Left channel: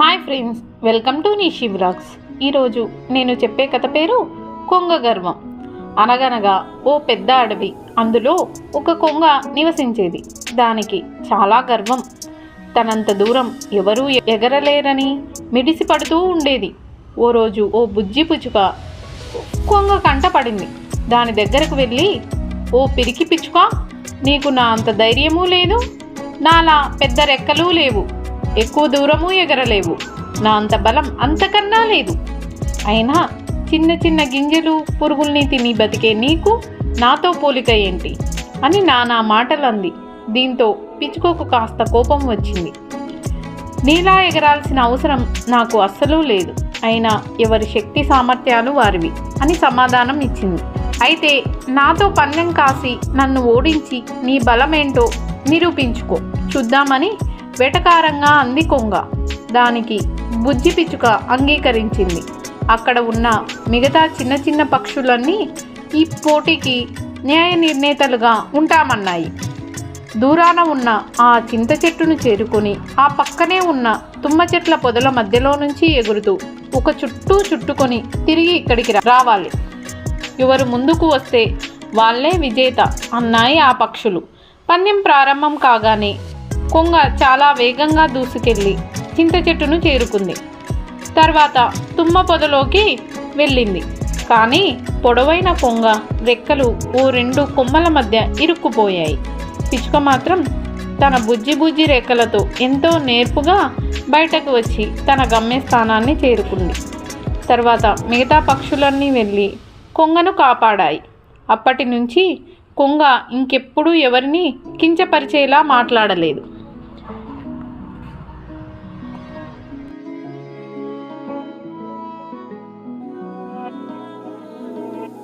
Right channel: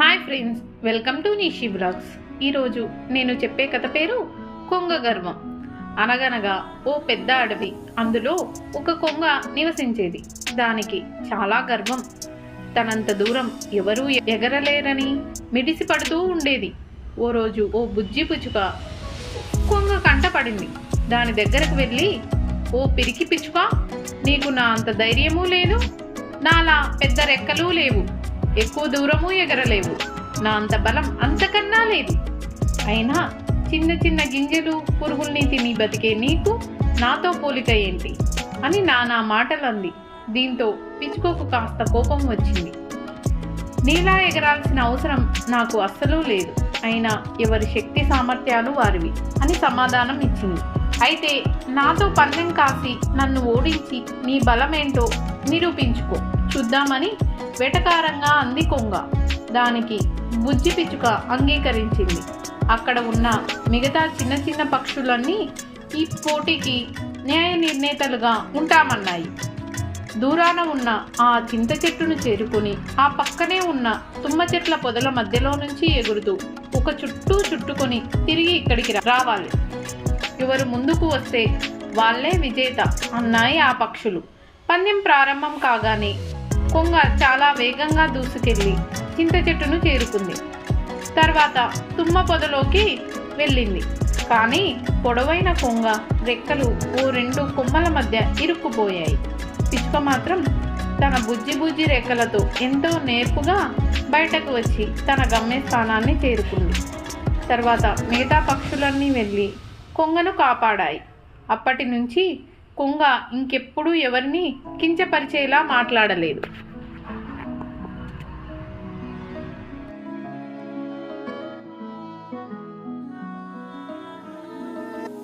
Hi friends, welcome to Nishi vlogs. ఈరోజు నేను చెప్పే కథ పేరు కొంగ గర్వం. అనగనగా ఓ పెద్ద అడవి. అందులో ఒక కొంగ నివసించేది. దానికి చాలా గర్వం. తనంత దూరం ఎవరూ ఎగరలేరని మిడిసి పడుతూ ఉండేది. ఓ రోజు ఓ బుజ్జి పిచ్చుక కొంగ కంట పడింది. దాని దగ్గరకు వెళ్ళి, ఓ పిరికి పిచ్చుక, నీకు నా అంత ధైర్యమూ లేదు, నాలా పెద్ద రెక్కలు లేవు, ఎక్కువ దూరము ఎగరలేవు, నా అంత బలం అంతకన్నా లేదు. అయినా చిన్న చిన్న గింజలు పురుగుల్ని తిని బతికే నీకు నాతో పోలిక ఏంటి అని నానా మాటలు అంది. దీంతో పిచ్చుకోకు కాస్త కోపం వచ్చింది. నీలా ఎగరాల్సిన అవసరం నాకు అస్సలు లేదు, అయినా ఎవరి శక్తి సామర్థ్యాలు వారివి అని సమాధానం ఇచ్చింది. అయితే నాతో పందెం కాసి నన్ను ఓడించి నీ బలమేంటో నిరూపించుకో చూద్దామని వెటకారంగా అంది కొంగ. దానికి బుజ్జి పిచ్చుక అంగీకరించింది. అక్కడ ఉన్న మిగతా చిన్న చిన్న పక్షులన్నీ ఈ పోటీకి న్యాయ నిర్ణేతలుగా ఉంటామన్నాయి. దూరాన ఉన్న ఆ చింత చెట్టును చేరుకుని ఆ పక్కనే ఉన్న తుమ్మ చెట్ల పొదల మధ్యలో నుంచి ఎగురుతూ ఒక చుట్టూ చుట్టుకొని తిరిగి ఇక్కడికి రావాలి. ఎవరు ముందుకు వస్తే వాళ్ళే విజేత అన్నాయి ఆ పక్షులు. పందెం ప్రారంభం కాగానే కొంగ చాలా వేగంగా దూసుకెళ్ళి చింత చెట్టును చేరుకుంది. తర్వాత తుమ్మ పొదలోకి వెళ్ళింది. కానీ పొడవైన కొంగ రెక్కలు ఓ రెండు కొమ్మల మధ్య ఇరుక్కుపోయాయి. పిచ్చుక మాత్రం తన బుజ్జి బుజ్జి రెక్కలతో ఎంతో నేర్పుగా బయటకు వచ్చి తన గమ్యస్థానాన్ని చేరుకుంది. తర్వాత మిగతా పక్షులన్నీ వెళ్ళి కొంగను కాపాడాయి. అప్పటి నుంచి కొంగ ఇంకెప్పుడూ ఎవరిని కించపరిచేలా మాట్లాడలేదు.